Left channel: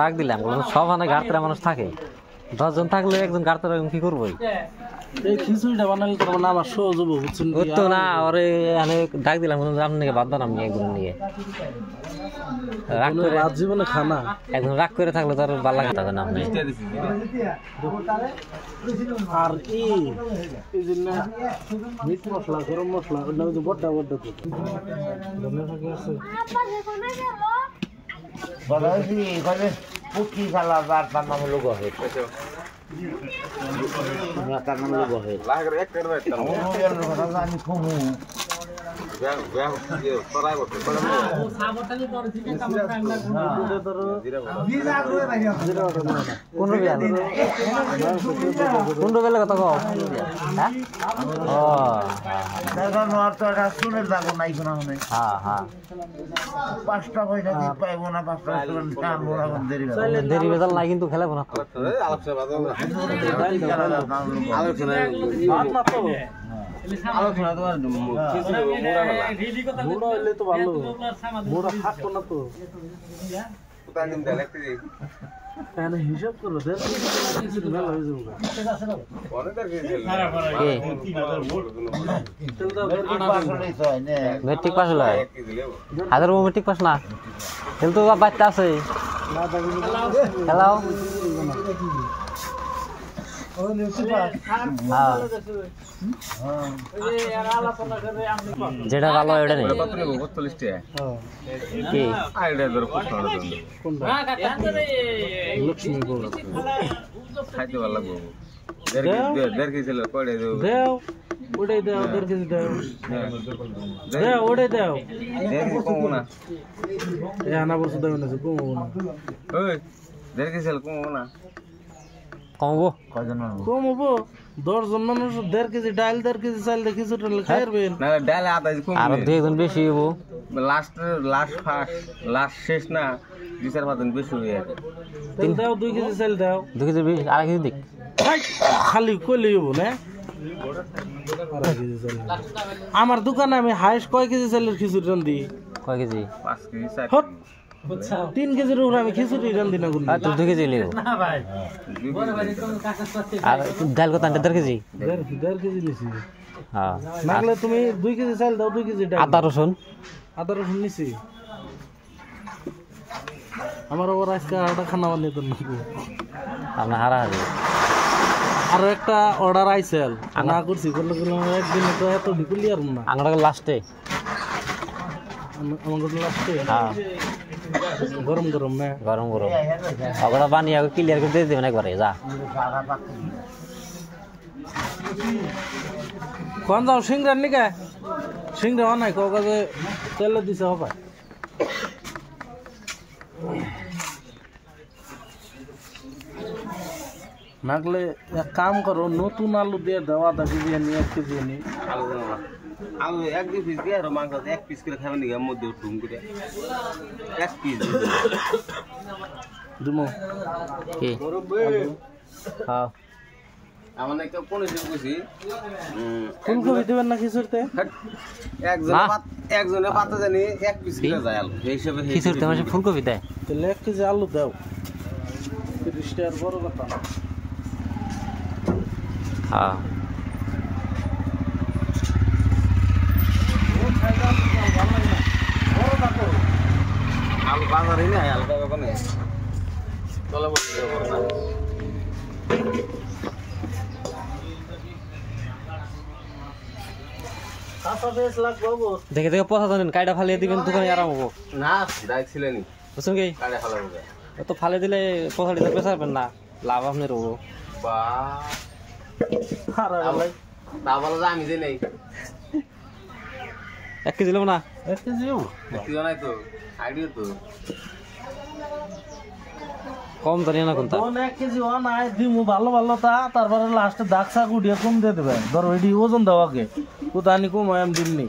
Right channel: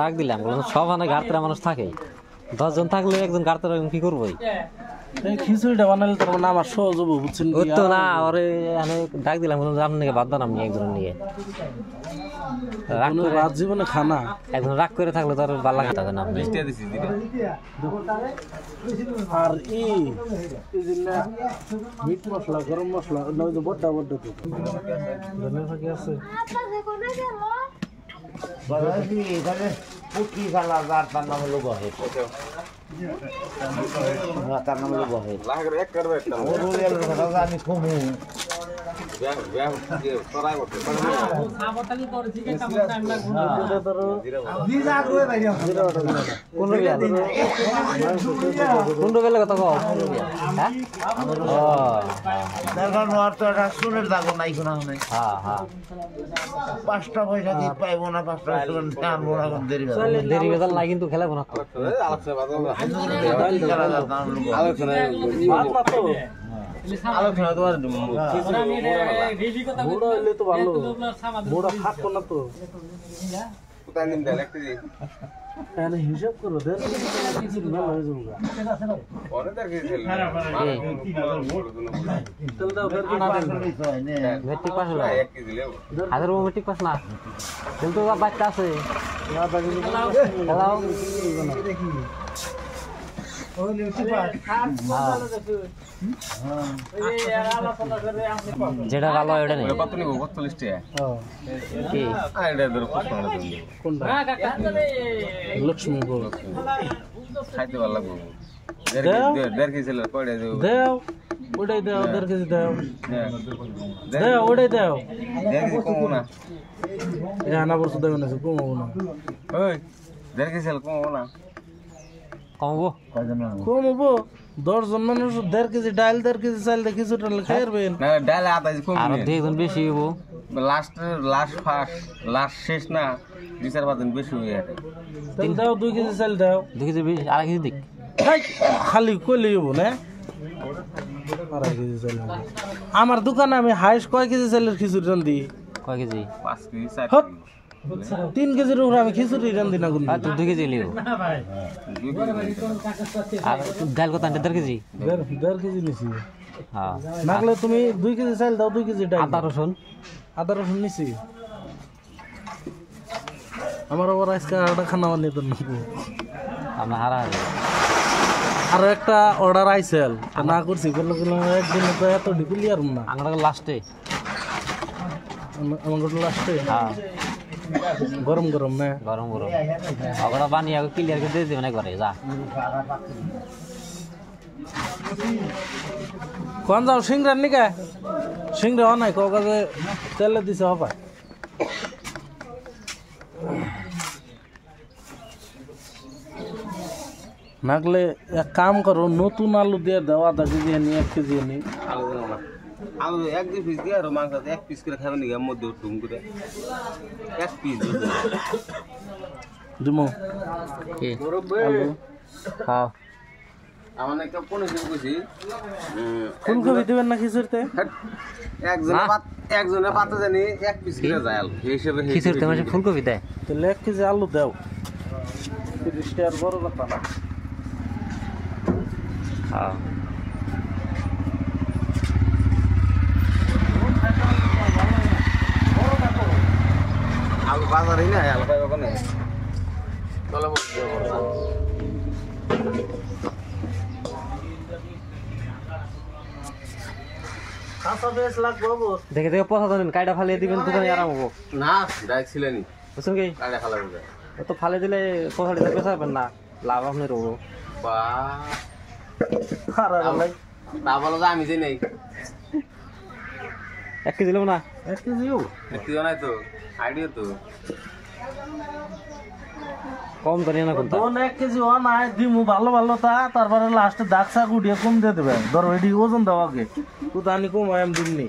ডাক দিলাম সব মানে গাড়তরা মানুষ থাকে 10 জন থাকলে একজন গাড়তরা কি করবো খিচুড়িটা বানালে তো আমার সহজ হবো বুঝছেন তো না ওরে ডাক দিলাম আপনি বাদ দেন আমি একজনের নিয়ে রাগ করে জীবনে খানা একজন রাগ করে থাকলে তো আর ভালো লাগে তখন আপনি আর এই যে মিট মশলা গরম মশলা ওটা হচ্ছে বড়টা বড়টা তো আছে বাগাইছি এখানে কি খেলা আর তার নাম হলো গহে তার নাম হলো গহে আমি কমু শুনের দাগো নাই কোনো পাঁচটা পয়সা দিতে পাইবো না 5টা আনবো না দেরি বেজাল নাই কিন্তু খেলাবো না আলোচনা বুড়ো হইলে তো ভালো বুড়ো থাকতো না তো হিসাব করো মেলা হয়ে যাবো মেট্রিক পাস হলো হাজার মেট্রিক পাস না কিন্তু বাচ্চা আছে খেলাও যেটা ভালো ওটা নেই কত নেব 42 টাকা কি আইডা ধরো প্রশ্ন হলো কোনটা লক্ষ্মী বল খাইতে ভালো লাগবে দেড় কেজি ছিল কয়টা দেব দাও ওটাই দাও 1.5 কেজি দাও দাও ওটাই দাও দেড় কেজি কম না আনা বস্তু দাও না কম না ওই দেড় কেজি ছিল কম না কমবো কমবো 10 জন মানুষ 1.5 কেজি ডাল 1.5 কেজি চাল দেখি ছোটল খাইবেন না ডাল আধা কেজি কম আর দুইজন বেশি হবো লাস্ট শেষ না 2-4 জন বেশি হয়ে যাবে তেল দাও 2 কেজি চাল দাও 2 কেজি বেশি আর কেজি দিক খালি কইলেই হবো না আর কেজি চাল আমার দোকানে আমি হাইস্ট কয় কেজি চালের খিচুড়ি রান্ধি কয় কেজি 5 কেজি 4 হট 3 কেজির উপরে আমি খিচুড়ি রান্ধি না আর তুই 2 কেজি লিও না ভাই আর ডাল কত আনতে 1.5 কেজি 1.5 কেজি নিছি হ্যাঁ নাগলে তুমি 2 কেজি চাল দাও 2 কেজি ডাল আদা রসুন নিছি আমার ওর আজকে আটা খানা বানিয়ে তো নাকি আমরা হারাহারি আর একটা অর্ডার আইসেল না করছি করলে একদিন তো এত ক্লিয়ার না আমরা লাস্টে আমাদের লাস্টে হ্যাঁ গরম গরম না গরম গরম ওগুলো বানিয়ে ক্লিয়ার করে দিয়ে দেবেন একবারে যা কোন যাও সিংরার নিকা সিংরা নাই কাউকে তেলে দিছে হবে নাগলে এক কাম করো নতুন আলু দিয়ে দাও আধা কেজি নি 1 কেজি নি আলু 1-2 পিস দিয়ে আর মাংস 1 পিস করে খাবেন নাকি মধ্যে ঢুম করে 1 পিস দিমু কি হ্যাঁ আমার নাকি কোন কিছু কইছি ফুলকপি দিবেন না খিচুড়িতে একজনের পাতা জানি 1 পিস করে যায় আলু এই হিসাবে খিচুড়িতে মানে ফুলকপি দেয় তাহলে 1 কেজি আলু দাও 30 টাকার বড় কথা না হ্যাঁ আলু বাজারে না আলু পাইব কোনে চলে বসে করব কাঁচা বেশ লাগবে বাবু দেখে দেখে পচা দেন কাইটা ফালিয়ে দিবেন দোকানে আরাম হবো না ডাইরেক্ট ছিলেনি বুঝছেন কি কাটা খালা হবে তো ফালে দিলে পচা দিতে পেছাবেন না লাভ আপনার হবো বা খারাপ লাগে তা বলো যে আমি যে নেই 1 কেজি নেব না 1 কেজিও একটু জানাই তো আইডিয়া তো কম তো নিয়ে না কোনটা 1 কেজি ও নাই দিমু ভালো ভালো তা তারপরে লাস্টে দাগ সাগ উঠিয়ে কম দিয়ে দেবে ধরো এডি ওজন দাও আগে কোথানি কম আমি দিমনি